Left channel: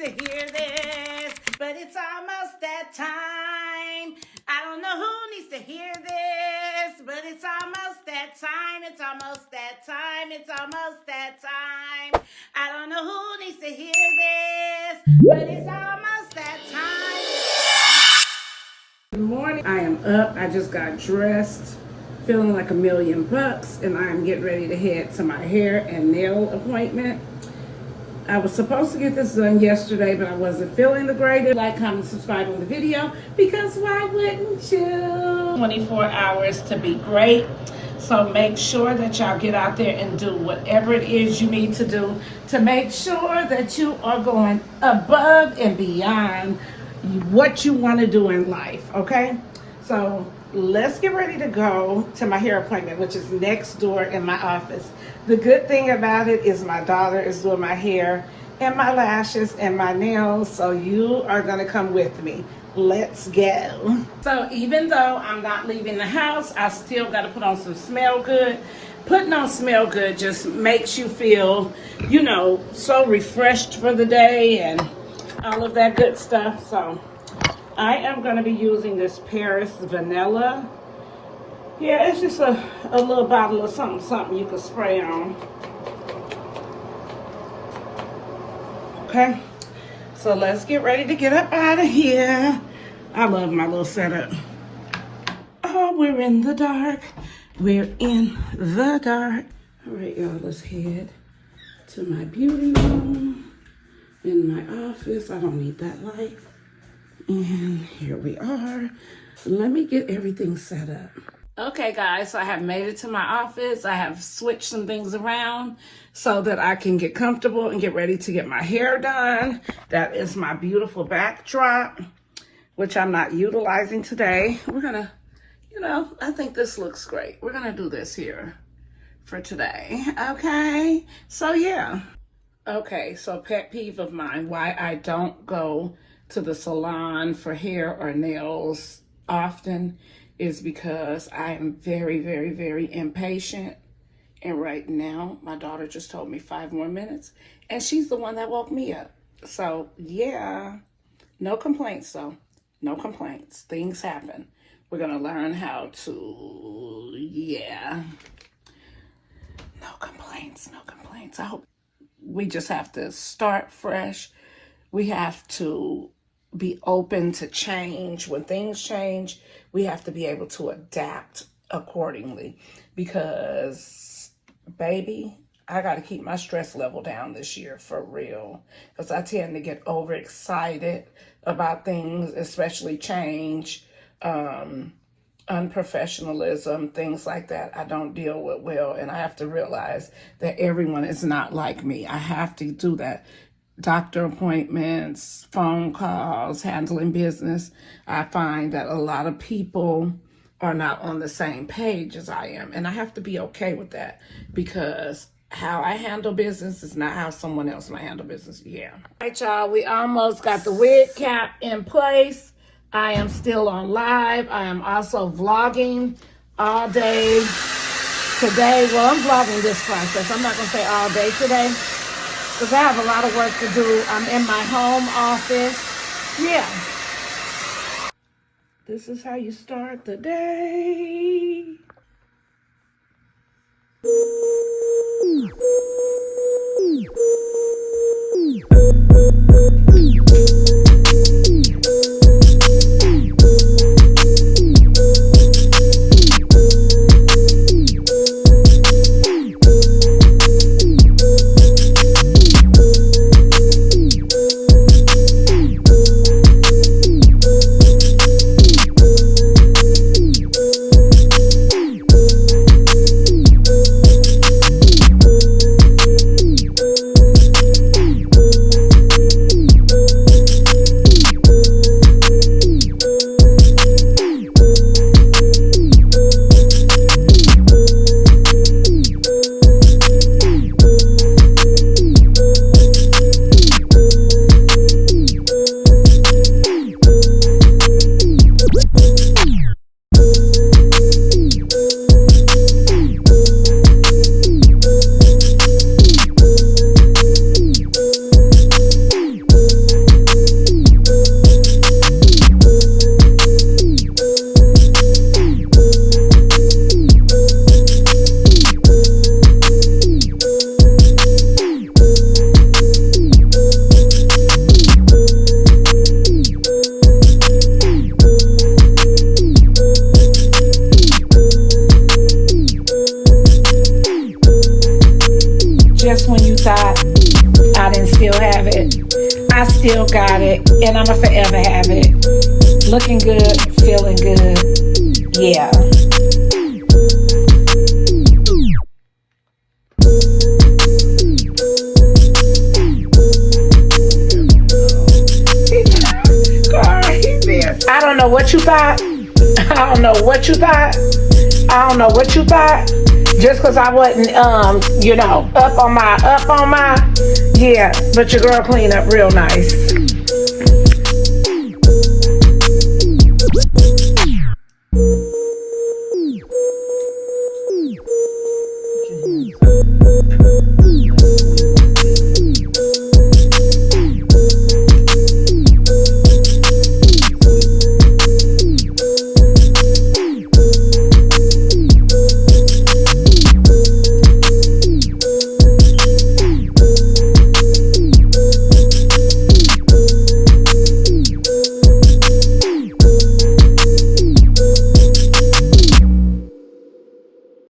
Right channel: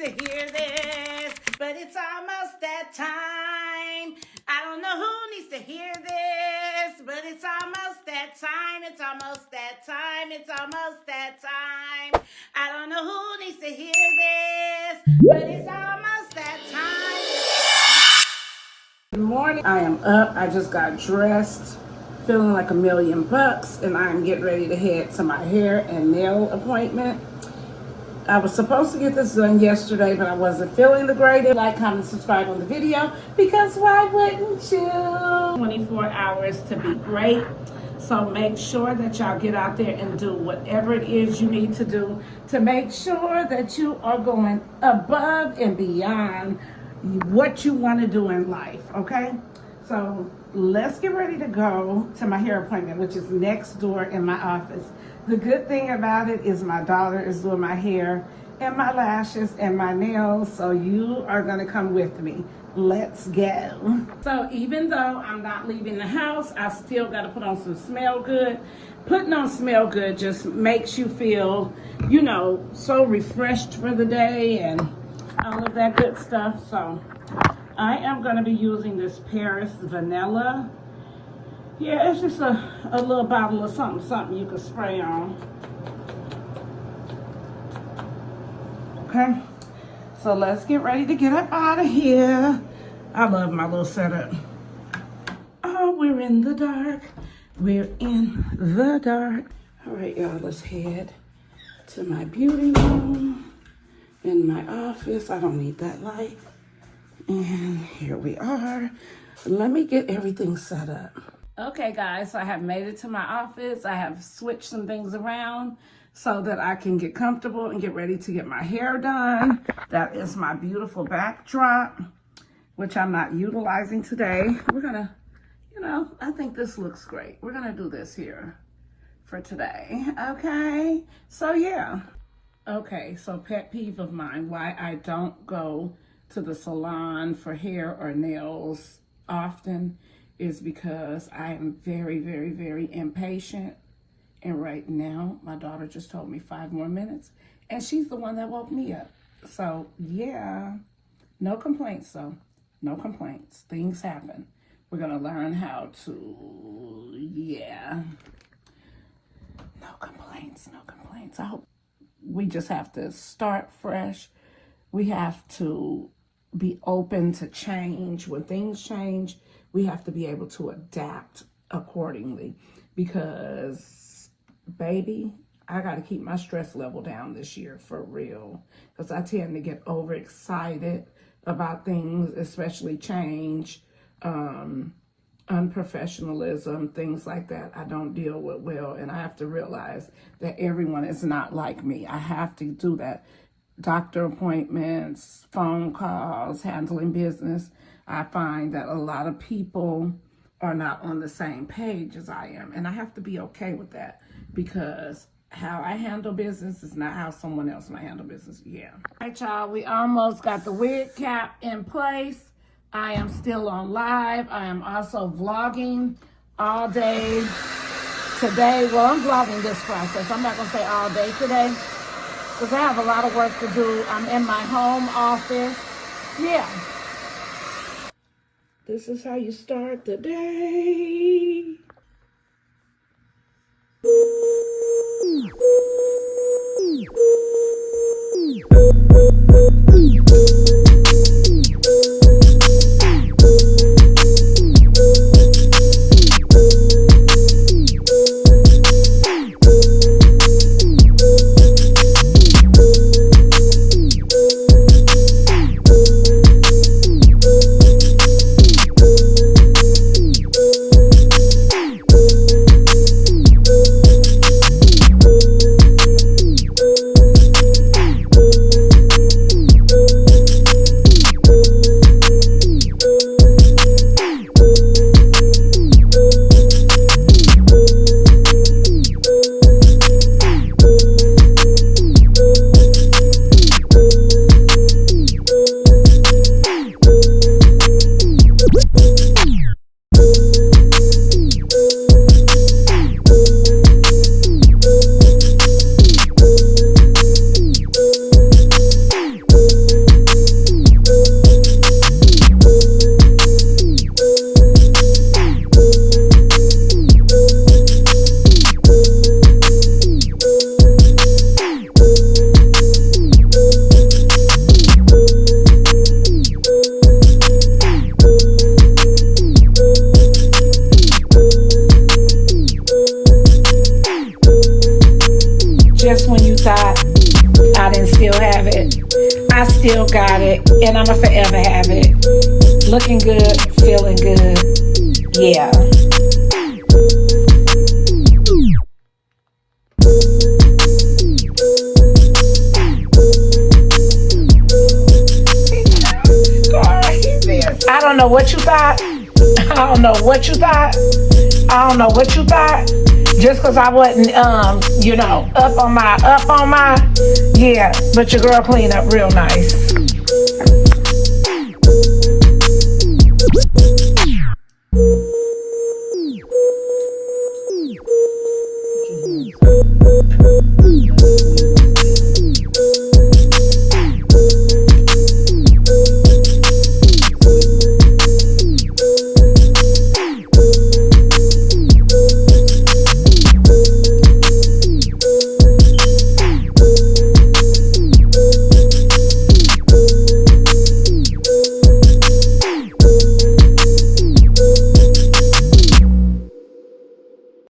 to hear this, but it's almost that time. I don't know who needs to hear this, but it's almost that time. It's almost that time. It's almost that time. I don't know who needs to hear this, but it's almost that time. Good morning. I am up. I just got dressed, feeling like $1,000,000, and I am getting ready to head to my hair and nail appointment. I was supposed to get this done yesterday, but I wasn't feeling the greatest. Like, comment, subscribe on the video, because why wouldn't you? 24 hours to be great. So make sure that y'all get out there and do whatever it is you need to do to make sure that you are going above and beyond what you want to do in life, okay? So let's get ready to go to my hair appointment, which is next door in my office. The good thing about it is my daughter is doing my hair and my lashes and my nails, so you are gonna come with me. Let's go. So even though I'm not leaving the house, I still gotta put on some smell good. Putting on smell good just makes you feel, you know, so refreshed for the day and all of that good stuff. So I am gonna be using this Paris Vanilla. Yeah, it's just a little bottle of something you can spray on. Okay, so let's get ready to get up out of here. I love my little setup. Oh, we're in the dark. We're in the dark. All right, y'all, let's head to my beauty room in my office. I don't need that light. And here we are. Let me get everything set up. Okay, guys, so I have made it to my office. I have switched some things around so that I can get comfortable and get ready to get my hair done. That is my beautiful backdrop, which I'm not utilizing today. We're gonna, you know, I think this looks great. We're gonna do this here for today, okay? So yeah. Okay, so pet peeve of mine, why I don't go to the salon for hair or nails often is because I am very, very, very impatient. And right now, my daughter just told me 5 more minutes, and she's the one that woke me up. So yeah, no complaints though, no complaints. Things happen. We're gonna learn how to, yeah. No complaints, no complaints. I hope we just have to start fresh. We have to be open to change. When things change, we have to be able to adapt accordingly, because baby, I got to keep my stress level down this year for real, because I tend to get overexcited about things, especially change, unprofessionalism, things like that. I don't deal with well, and I have to realize that everyone is not like me. I have to do that. Doctor appointments, phone calls, handling business. I find that a lot of people are not on the same page as I am. And I have to be okay with that, because how I handle business is not how someone else might handle business. Yeah. All right, y'all, we almost got the wig cap in place. I am still on live. I am also vlogging all day today. Well, I'm vlogging this process. I'm not gonna say all day today, because I have a lot of work to do. I'm in my home office. Yeah. This is how you start the day. still have it. I still got it, and I'ma forever have it. Looking good, feeling good. Yeah. I don't know what you thought. I don't know what you thought. I don't know what you thought. Just because I wasn't, up on my, yeah. But your girl cleaned up real nice.